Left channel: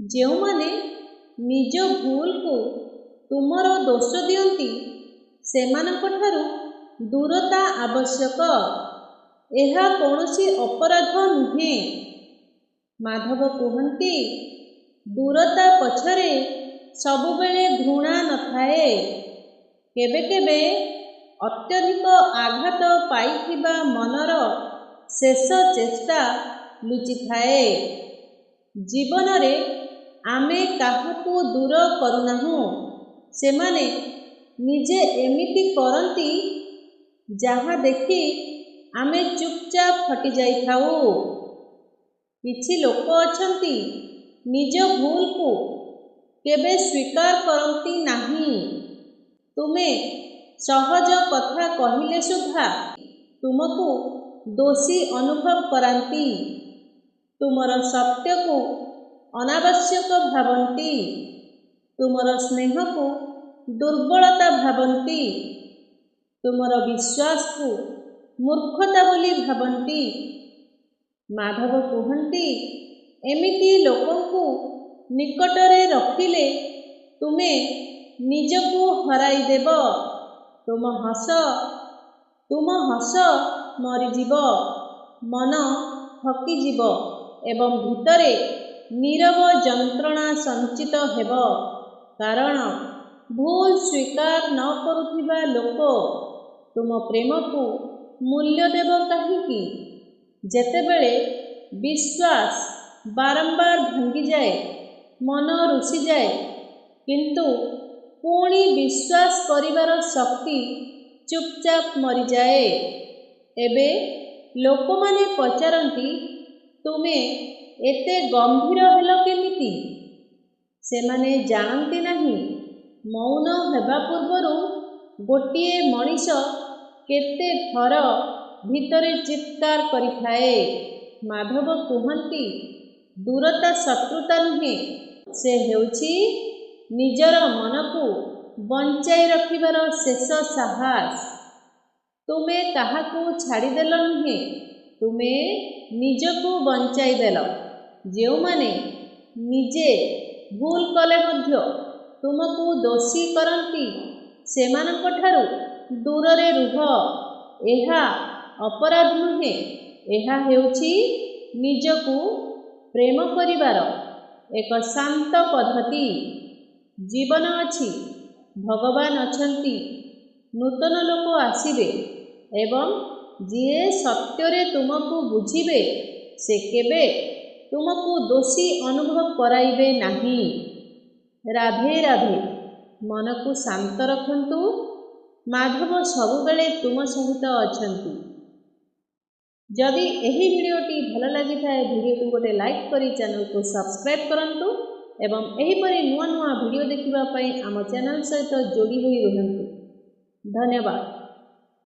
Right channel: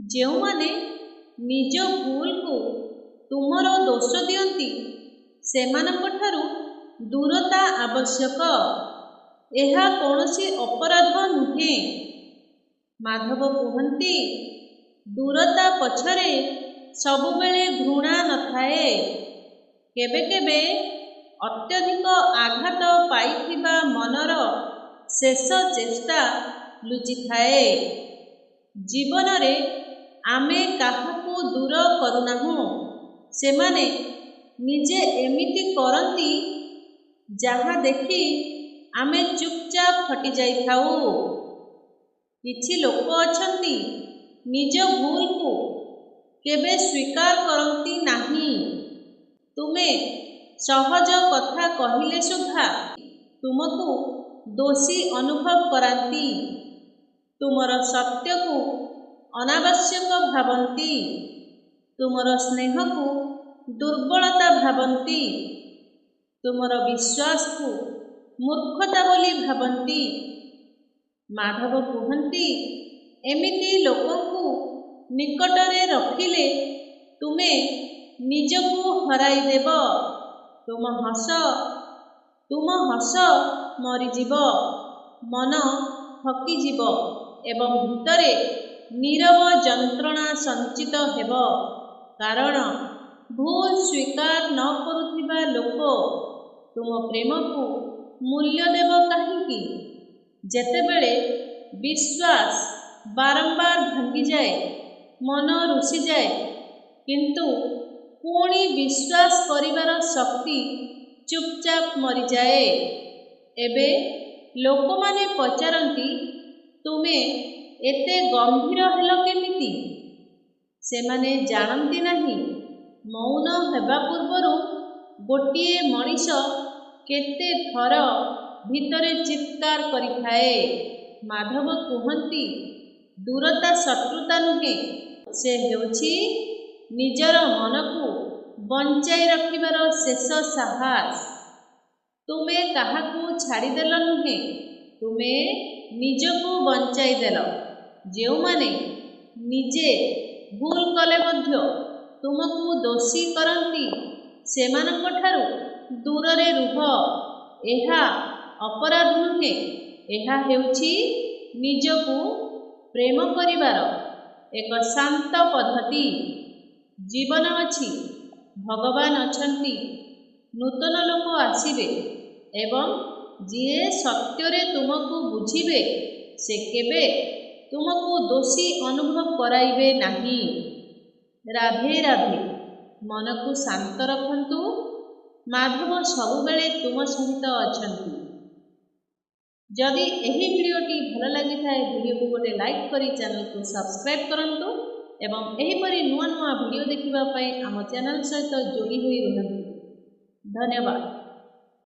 ଯେଉଁମାନେ ନିଜ ଭୁଲକୁ ତୁମର ଦୋଷ ଦିଅନ୍ତି ସେମାନଙ୍କଠାରୁ ଦୂରତା ଆବଶ୍ୟକ। ଏହା କୌଣସି ଅପରାଧ ନୁହେଁ। ମାଧବ କୁହନ୍ତି, ଦୂରତା ପଛରେ ସବୁବେଳେ ଘୃଣା ନଥାଏ। କେବେ କେବେ ଅତ୍ୟଧିକ ଆଘାତ ପାଇଥିବା ମନର ଶେଷ ଚେଷ୍ଟା ଲୁଚିଥାଏ। ଜୀବନରେ ଆମେ କାହାକୁ ଦୂର କରୁନାହୁଁ, ସେମାନେ ନିଜେ ଏମିତି କରନ୍ତି ଯାହା ଦେଖି ଆମେ ଚୁପଚାପ ହଟିଯାଇଥାଉ। କିଛି ଲୋକ ଅଛନ୍ତି ନିଜ ଭୁଲକୁ କେବେ ସ୍ୱୀକାର କରନ୍ତି ନାହିଁ। ତୁମେ ସହଜ କଥା କହିଲେ ସୁଦ୍ଧା ତୁମକୁ ଦୋଷୀ ଅନୁଭବ କରାନ୍ତି। ତୁମର ସତ୍ୟକୁ ଅନାବଶ୍ୟକ ଭାବନ୍ତି। ତୁମର ସ୍ନେହକୁ ଦୁର୍ବଳତା ଭାବନ୍ତି। ତୁମର ବିଶ୍ୱାସକୁ ମୂର୍ଖତା ବୋଲି ଭାବନ୍ତି। ମାଧବ କୁହନ୍ତି, ଏମିତି ଲୋକଙ୍କୁ ନିକଟରେ ରଖିଲେ ତୁମେ ନିଜକୁ ହରାଇଦେବ। ତୁମ ହସ ମରିଯିବ, ମନ ଥକିଯିବ ଏବଂ ଭିତରେ ନୀରବ ଯନ୍ତ୍ରଣା ସଞ୍ଚିତ ହେବ। କାରଣ ଭୁଲ ସ୍ୱୀକାର ନ କରୁଥିବା ଲୋକ ତୁମ ପ୍ରେମକୁ ମୂଲ୍ୟ ଦେବ କାହିଁକି? ଯେତେବେଳେ ବିଶ୍ୱାସ ବାରମ୍ବାର ଭାଙ୍ଗିଯାଏ, ମନ ରୁଷିଯାଏ, କିନ୍ତୁ ପୁଣି ବିଶ୍ୱାସ କରିବାର ଶକ୍ତି ଚୁପଚାପ ମରିଯାଏ। ଏବେ ଲୋକମାନେ ପଚାରନ୍ତି, ତୁମେ ଏତେ ଗମ୍ଭୀର ହେଲ କେମିତି? ସେମାନେ ଜାଣନ୍ତି ନାହିଁ, ମୌନ ହେବା ପୂର୍ବରୁ ଗୋଟିଏ ମଣିଷ କେତେ ଥର ଭିତରେ ଚିତ୍କାର କରିଥାଏ। ମାଧବ କୁହନ୍ତି, ଦୂରତା ଶତ୍ରୁତା ନୁହେଁ, ସେ ହେଉଛି ନିଜର ମନକୁ ବଞ୍ଚାଇ ରଖିବାର ଶେଷ ସାହସ। ତୁମେ କାହାକୁ ଛାଡ଼ିଦେଲ ନୁହେଁ, ତୁମେ ନିଜକୁ ବଞ୍ଚାଇଦେଲ। ଯେଉଁମାନେ ନିଜେ ଭୁଲ କଲେ ମଧ୍ୟ ତୁମକୁ ଦୋଷୀ କରନ୍ତି ସେମାନଙ୍କଠାରୁ ଦୂରରେ ରୁହ। ଏହା ଅପରାଧ ନୁହେଁ, ଏହା ହେଉଛି ନିଜକୁ ପ୍ରେମ କରିବାର ଏକ ଶାନ୍ତ ପଦ୍ଧତି। ଜୀବନ ଅଛି, ଭଗବାନ ଅଛନ୍ତି, ନୂତନ ଲୋକ ଆସିବେ ଏବଂ ଯିଏ ସତ୍ୟରେ ତୁମକୁ ବୁଝିବେ ସେ କେବେ ତୁମକୁ ଦୋଷୀ ଅନୁଭବ କରାଇବେ ନାହିଁ। ରାଧେ ରାଧେ। ମନକୁ ଶାନ୍ତ ରଖନ୍ତୁ। ମାଧବ ସବୁବେଳେ ତୁମ ସହିତ ଅଛନ୍ତି। ଯଦି ଏହି ଭିଡ଼ିଓଟି ଭଲ ଲାଗିଥାଏ, ଭିଡ଼ିଓକୁ ଗୋଟେ ଲାଇକ୍ କରି ଚ୍ୟାନେଲକୁ ସବସ୍କ୍ରାଇବ୍ କରନ୍ତୁ ଏବଂ ଏହିପରି ନୂଆ ନୂଆ ଭିଡ଼ିଓ ଦେଖିବା ପାଇଁ ଆମ ଚ୍ୟାନେଲ ସହିତ ଯୋଡ଼ି ହୋଇ ରୁହନ୍ତୁ। ଧନ୍ୟବାଦ।